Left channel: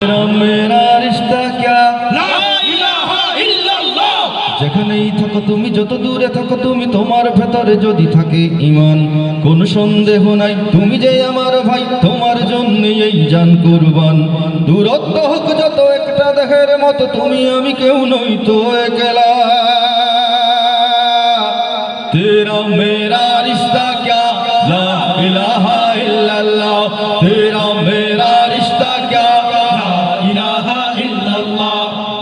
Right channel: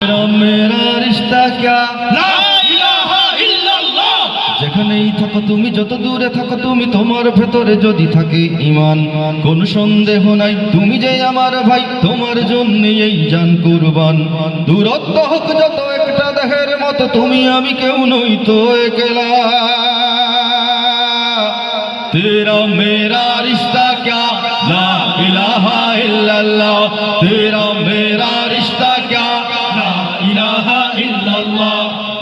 मेरा रिश्ता क्या ला इलाहा इल्लाल्लाह যেখানেই থাকো তুমি যত দূরে থাকো তুমি তোমার ভেতরে যদি থাকে ঈমান কোন সন্দেহ নাই তুমি যে আমার ভাই তোমার জন্য এই জান কুরবান দূরত্ব হোক যত একটা দেহের মতো তুমি আমি কেউ নই তো একলা तेरा मेरा रिश्ता क्या ला इलाहा इल्लल्लाह तेरा मेरा रिश्ता क्या ला इलाहा इल्लल्लाह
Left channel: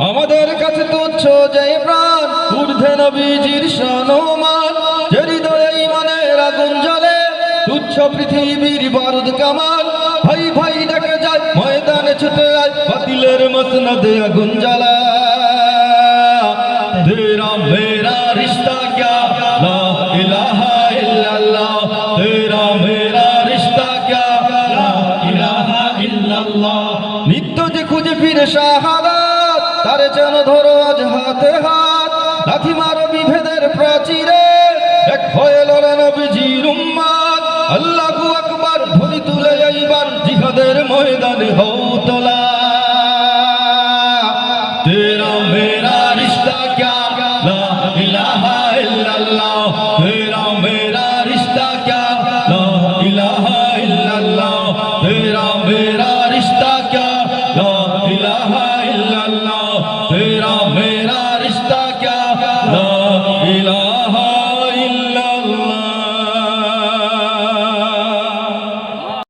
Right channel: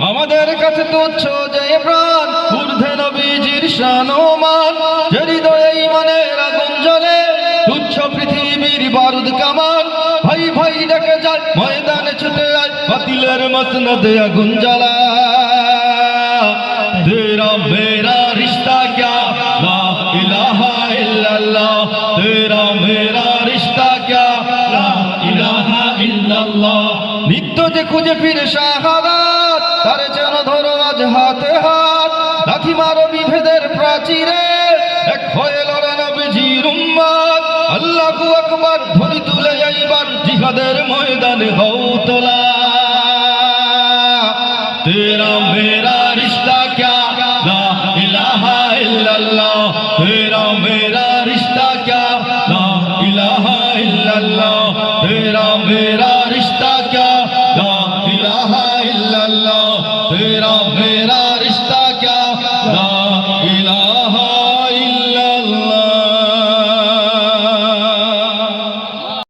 আমাদের কাছে তুচ্ছ যে প্রাণ ঊর্ধ্বে নবীজির শান ও মান যে হৃদয়ে ঈমানের আগুন জ্বলে তুচ্ছ পৃথিবীর বারুদ কামান ভাই ভাই ডেকে যায় ময়দানে ছুটে আয় বাতিলের মসনদে আগুন জ্বালা तेरा मेरा रिश्ता क्या ला इलाहा इल्लल्लाह तेरा मेरा रिश्ता क्या ला इलाहा इल्लल्लाह नित्य जे खुঁজে ফিরে শাহাদাত তার যেন ধরো আজ হাতে হাত লাথি মারো বিভেদের প্রাচীরে এক হয়ে লড়ো নবীজির উম্মত